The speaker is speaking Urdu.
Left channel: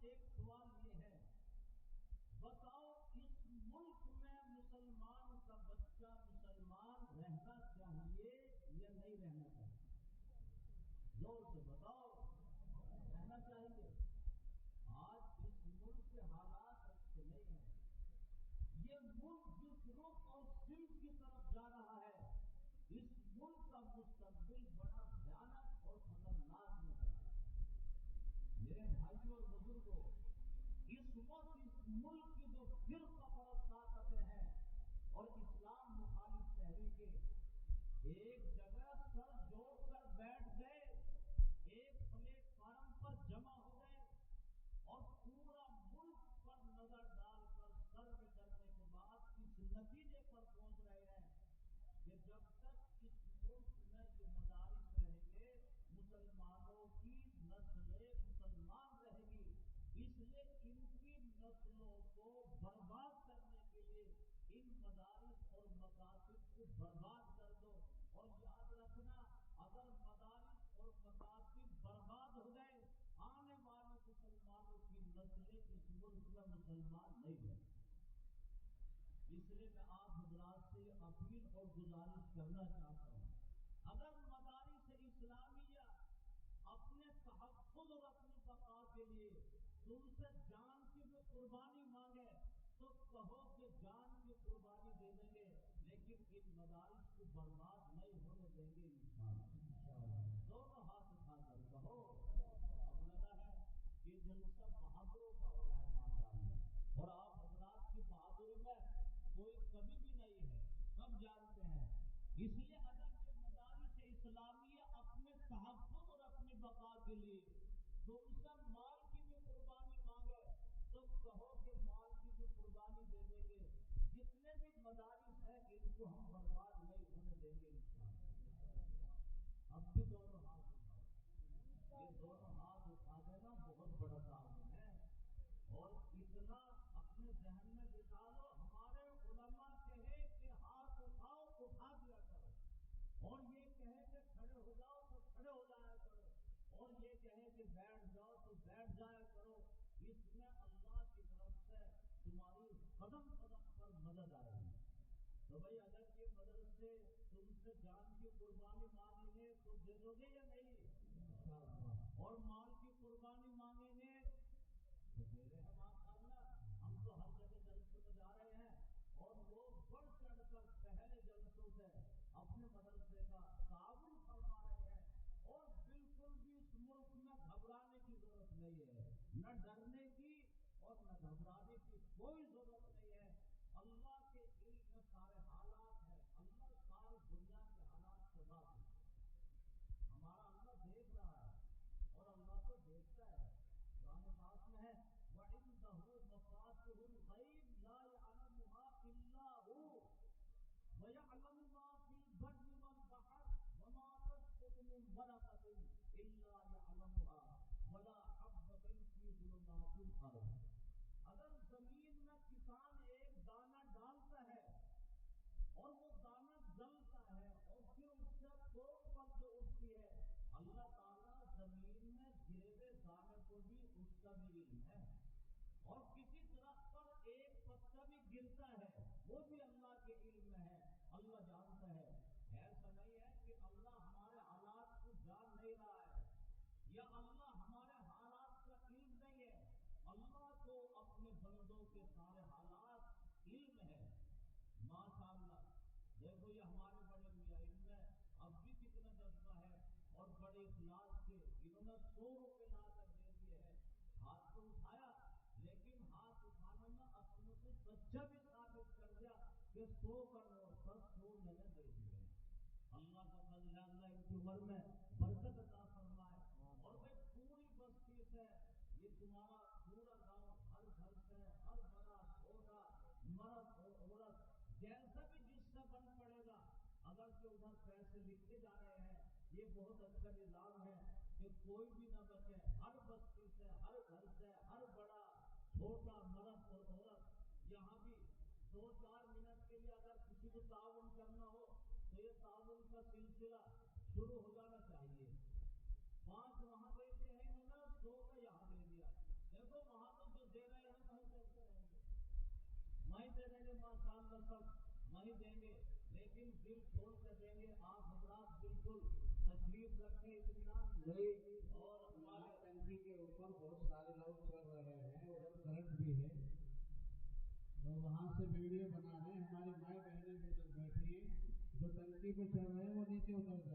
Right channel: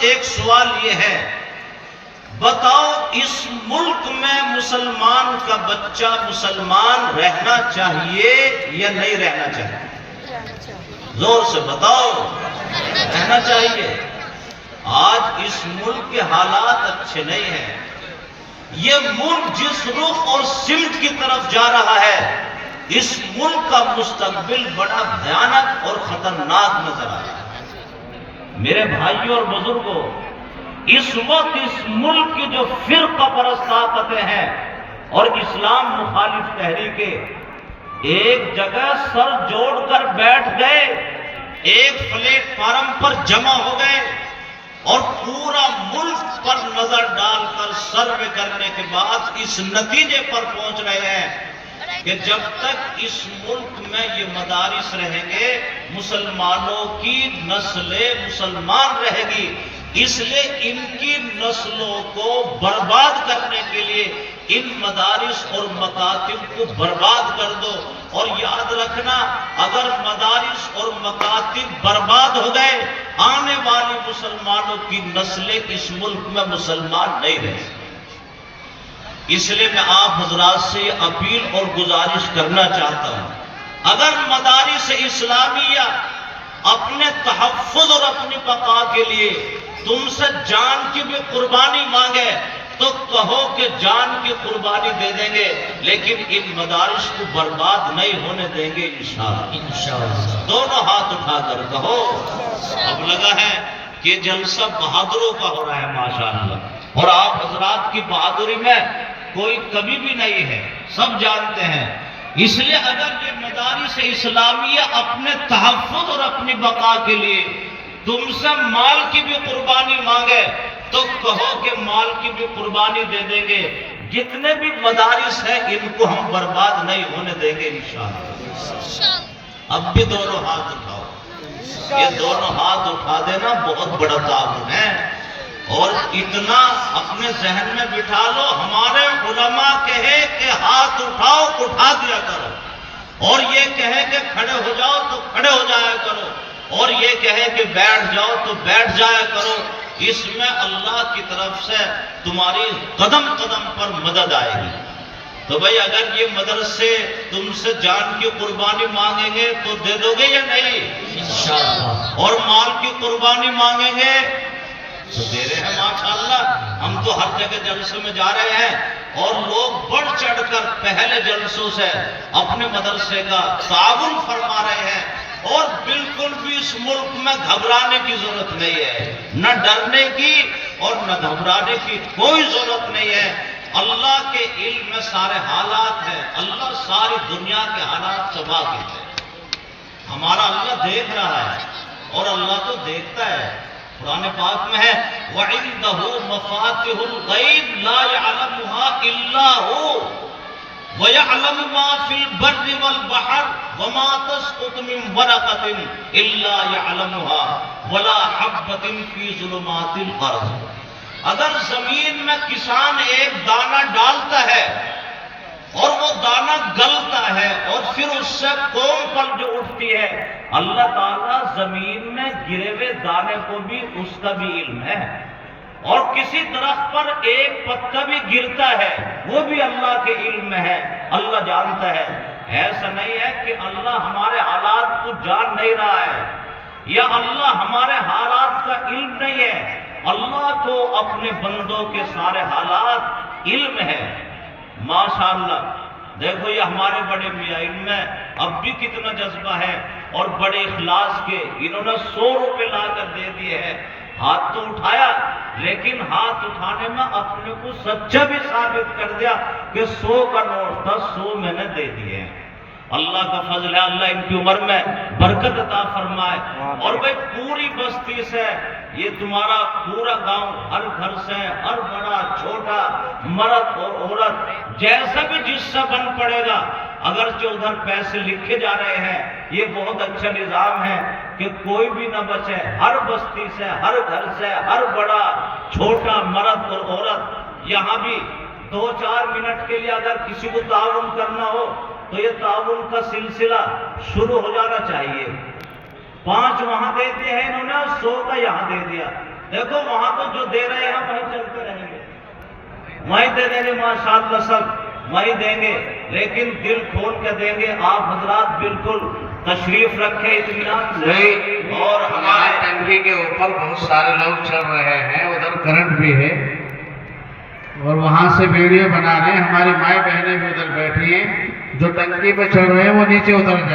ایک سوال یہ ہے، بتاؤ اس ملک میں مسلمان کا بچہ مسلمان رہنا چاہیے یا نہیں رہنا چاہیے؟ زور سے بتاؤ، رہنا چاہیے۔ آج اس ملک کے حالات اچھے نہیں ہیں۔ یہ ملک جس رخ اور سمت کی طرف جا رہا ہے، اس ملک کا مستقبل بڑا بھیانک اور خطرناک نظر آ رہا ہے۔ میرے بھائیوں اور بزرگوں، اس وقت اس ملک کی جو فرقہ پرست طاقتیں ہیں اور اسلام مخالف تحریکیں ایک جگہ سر جوڑ کر بیٹھ گئے، ایک پلیٹ فارم پر جمع ہو گئے اور پورا ملک پر نظر ڈال کر سروے کرنے کے بعد اس نتیجے پر پہنچ رہے ہیں کہ جب تک اس ملک میں یہ مدارس رہیں گے، مسلمانوں کی نسل مسلمان رہے گی، اس لیے ان کی نسلوں کو برباد کرنے کے لیے ان مدارس اور مکاتب کو برباد کر دو۔ اور یاد رکھنا، اگر مدارس اور مکاتب برباد ہو گئے، آنے والی مسلمانوں کی نسلیں اس ملک میں مسلمان نہیں رہ سکتی۔ اس لیے میں آپ حضرات سے یہ اپیل اور گزارش کرنا چاہتا ہوں، اگر مدارس اسلامیہ اپنے تحفظ اور اپنی بقا کے لیے تم سے جان کی بھی قربانی مانگے تو کہو کہ جان کی قربانی دے دیں گے، لیکن ان مدارس کو برباد نہیں ہونے دیں گے انشاءاللہ۔ دونوں ہاتھ اٹھا کر کہو۔ اب لگا ہے کہ جلسہ بہادروں کا ہو رہا ہے ماشاءاللہ، اور آپ حضرات کی بہادری میں کوئی کمی بھی نہیں ہے، سب جانتے ہیں۔ اس لیے اگر یہ مدارس اسلامیہ اپنے تحفظ اور اپنی بقا کے لیے تم سے مال کی بھی قربانی مانگے تو کہو کہ مال کی بھی قربانی دے دیں گے۔ جتنے بھی مدارس ہیں ان کو ہم برباد نہیں ہونے دیں گے انشاءاللہ۔ اب بھی دونوں ہاتھ اٹھاؤ۔ یہ دونوں ہاتھ اٹھا دینا بہت بڑا تعاون ہے، اور اتنا اپنے ذہن میں بٹھا لو، ہمارے علماء کہے کہ ہاتھ اٹھاؤ، اٹھا دیا کرو، اور یہ کہے کہ کھڑے ہو جاؤ تو کھڑے ہو جایا کرو، اور یہ کہے کہ بیٹھ جاؤ تو بیٹھ جایا کرو۔ اس میں اللہ کی طرف سے تمہاری قدم قدم پر مدد آئے گی۔ تو بھئی اگر یہ مدرسے تم سے جان کی قربانی مانگیں گے تو دے دو گے یا نہیں؟ انشاءاللہ۔ اور مال کی قربانی مانگیں گے تو دے رہے ہیں ماشاءاللہ۔ ہم تو ہر جگہ جلسے میں جا رہے ہیں اور لوگ بڑھ چڑھ کر پہلے جلسوں سے اپنے مدرسے کا تعاون فرما رہے ہیں، اور بالکل بھی اس ملک میں گھبرانے کی ضرورت نہیں ہے، نہ ڈرنے کی اور نہ گھبرانے کی کوئی ضرورت نہیں ہے۔ اللہ کے علم میں سارے حالات ہیں، اللہ ساری دنیا کے حالات سے واقف ہے۔ ہمارا اللہ دیکھ رہا ہے اور اللہ تو دیکھتا ہے۔ قرآن پاک میں ہے وَعِندَهُ مَفَاتِحُ الْغَيْبِ لَا يَعْلَمُهَا إِلَّا هُوَ وَيَعْلَمُ مَا فِي الْبَرِّ وَالْبَحْرِ وَمَا تَسْقُطُ مِنْ وَرَقَةٍ إِلَّا يَعْلَمُهَا وَلَا حَبَّةٍ فِي ظُلُمَاتِ الْأَرْضِ۔ اگر زمین میں کسان ایک دانہ ڈالتا ہے اور وہ دانہ گلتا ہے اور پھر اس سے قوم پل جو اٹھتی ہے، اللہ تعالیٰ زمین میں گرے ہوئے دانے کو بھی اس کا بھی علم ہے، اور کسی درخت پر ایک پتا بھی گرتا ہے وہ بھی اللہ کے علم میں ہے، اللہ جانتا ہے۔ ایسا نہیں ہے کہ اللہ ہمارے حالات کو جان نہیں رہا ہے یا اللہ ہمارے حالات کا علم نہیں ہے، اللہ کو اپنے بندوں کے سارے حالات علم ہے ماشاءاللہ۔ دیکھو یہ ہمارے بڑے میاں، ان میں اب بھی کتنا جذبہ ہے اور بڑے اخلاص کے، انہوں نے 100 روپے لا کر دے دیے ہیں۔ ہاتھ تو اٹھایا لیکن ہاتھ اٹھانے میں اپنے کو سچا بھی ثابت کر دیا کہ 100 کا نوٹ تھا، 100 میں نے دے دیے ہیں۔ اللہ کا فضل ہے، اللہ ان کی عمر میں برکت عطا فرمائے۔ اور بھئی پوری بستی سے یہ تمہارا پورا گاؤں، ہر گھر سے ہر بڑا چھوٹا مرد اور عورت جیسا بھی جس سے بن پڑے گا، اگرچہ ادھر پیسے لکھے جا رہے ہیں، یہ بہت اچھا نظام ہے کہ کوئی بھی نہ بچے، ہر بستی سے ہر گھر سے ہر بڑا چھوٹا مرد اور عورت، یہاں بھی 2-4 منٹ کے لیے اگر کسی کو تعاون کرنا ہو تو یہ تعاون کا سلسلہ شروع ہو جانا چاہیے۔ 5 وہاں دے دیے ہیں انہوں نے، 100 کا یہاں دے دیا، دیکھو وہاں تو جو دے رہے ہیں وہیں چلتے رہیں گے، وہیں دے دیں گے ماشاءاللہ سب وہیں دیں گے، لیکن دل کھول کے دیں گے۔ آپ حضرات بالکل تشریف رکھیں اطمینان سے۔ اور ہمارے ٹنکی کے اوپر بہت سارے لوگ چل رہے ہیں، ادھر کرنٹ بھی ہے اور وہاں سے ویڈیو بنا رہے ہیں، ہماری مائیں بہنیں بھی ادھر بیٹھی ہیں، جو ٹنکی پہ چل رہے ہیں وہ نیچے اتر جائیں۔